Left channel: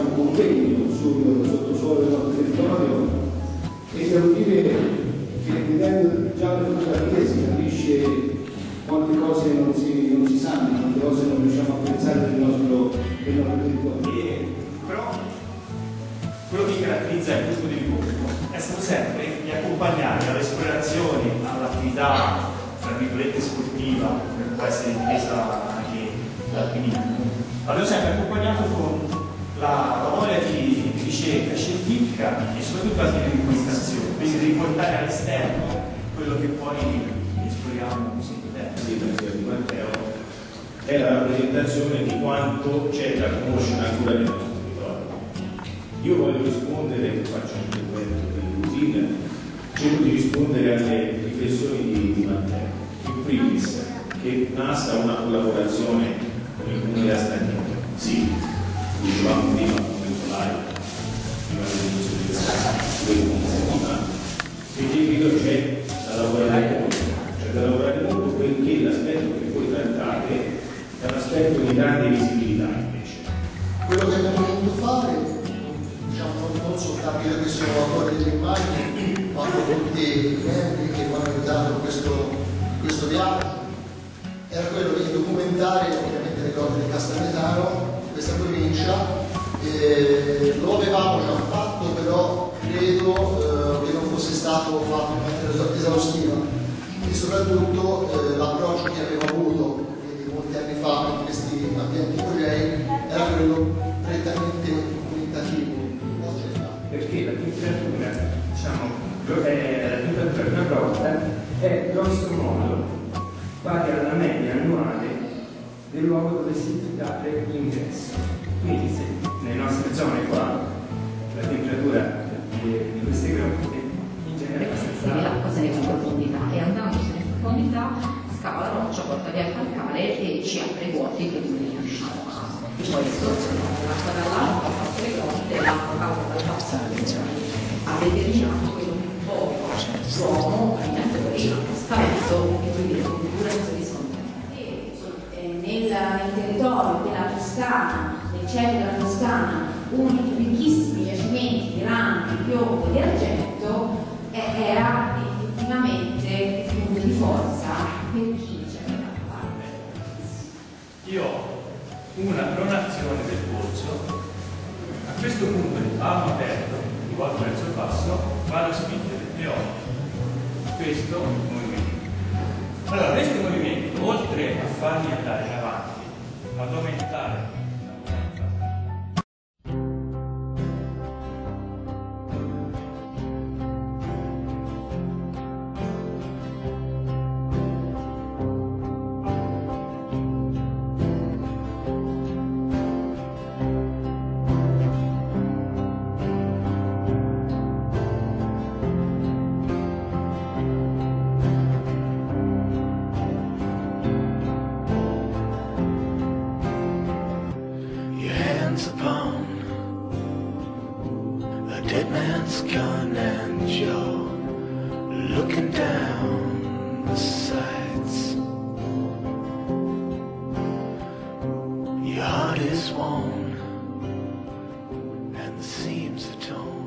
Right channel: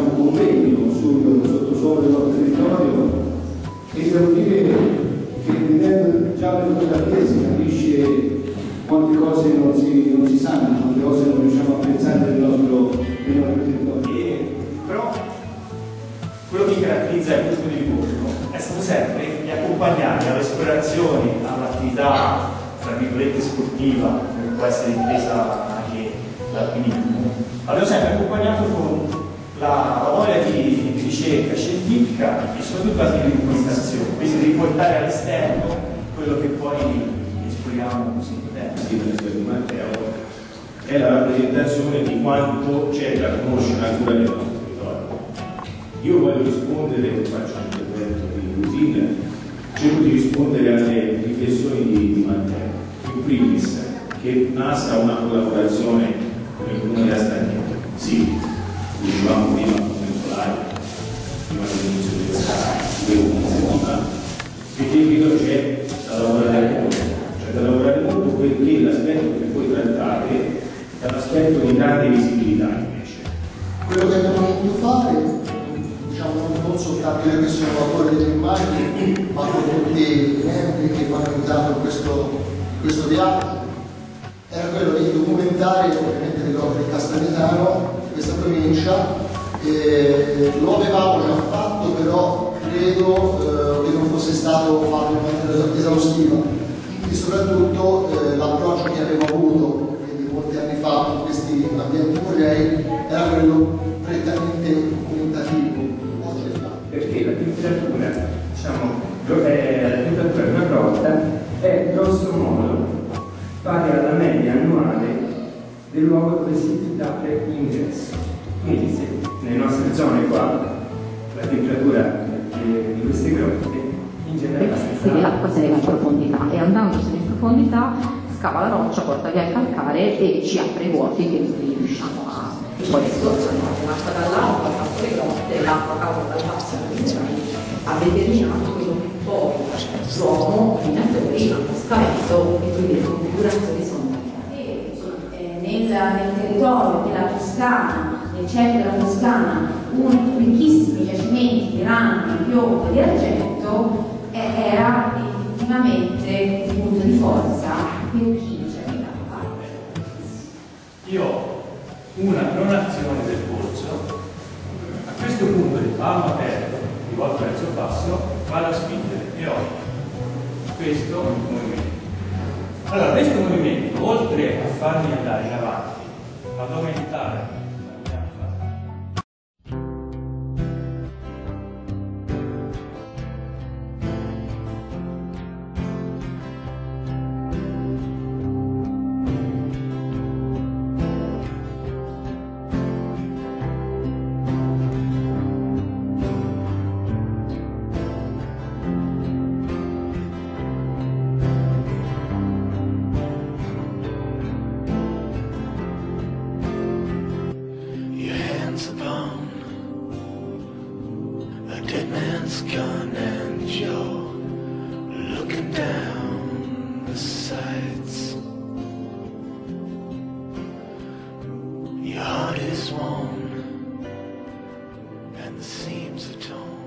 diciamo, convegno sul sottosuolo del nostro territorio e devo dire che vedendo già le fotografie si capisce quante cose non si sanno, quante cose non riusciamo a apprezzare del nostro territorio. Però quello che caratterizza il gruppo di incontro è stato sempre di accompagnare all'esplorazione, all'attività tra virgolette sportiva, che può essere intesa anche l'alpinismo. Abbiamo sempre accompagnato con la voglia di ricerca scientifica e soprattutto anche di comunicazione, quindi di riportare all'esterno quello che poi esploriamo così in tempo. Sì, di Matteo è la rappresentazione di quanto c'è da conoscere ancora nel nostro territorio. Io voglio rispondere, faccio un intervento di routine, cerco di rispondere alle riflessioni di Matteo. In primis, che nasca una collaborazione con il Comune di Astagneto. Sì, dicevamo prima con Nicolai, prima dell'inizio di questa iniziativa, perché credo c'è da lavorare molto. C'è da lavorare molto perché l'aspetto che voi trattate è un aspetto di grande visibilità invece. Quello che abbiamo voluto fare, diciamo, non soltanto io che sono autore delle immagini, ma con tutti i membri che mi hanno aiutato in questo viaggio, era quello di documentare ovviamente le cose del Castagnetano, questa provincia. Lo avevamo già fatto, però credo che non fosse stato fatto in maniera esaustiva, e soprattutto l'approccio che avevo avuto, quindi molti anni fa, con questi ambienti musei, era quello prettamente documentativo. Perché la temperatura, diciamo, la temperatura di una grotta è grosso modo pari alla media annuale del luogo dove si date l'ingresso. Quindi se nelle nostre zone qua la temperatura di queste grotte in genere è abbastanza alta. L'acqua se ne va in profondità e andandosene in profondità scava la roccia, porta via il calcare e ci apre i vuoti che quindi riusciamo a poi estorsionare l'acqua dall'alto, ha fatto le grotte, l'acqua causa dal basso ha determinato quello che poi l'uomo, i minatori, hanno scavato e quindi le configurazioni sono nel territorio della Toscana, nel centro della Toscana, uno dei ricchissimi giacimenti di rame, di piombo e di argento era effettivamente un punto di forza per chi c'era da parte. Io ho una pronazione del polso, a questo punto il palmo aperto, rivolto verso il basso, vado a spingere e ho questo movimento. Allora, questo movimento, oltre a farmi andare in avanti, ad aumentare upon a dead man's gun and you're looking down the sights. Your heart is worn and the seams are torn.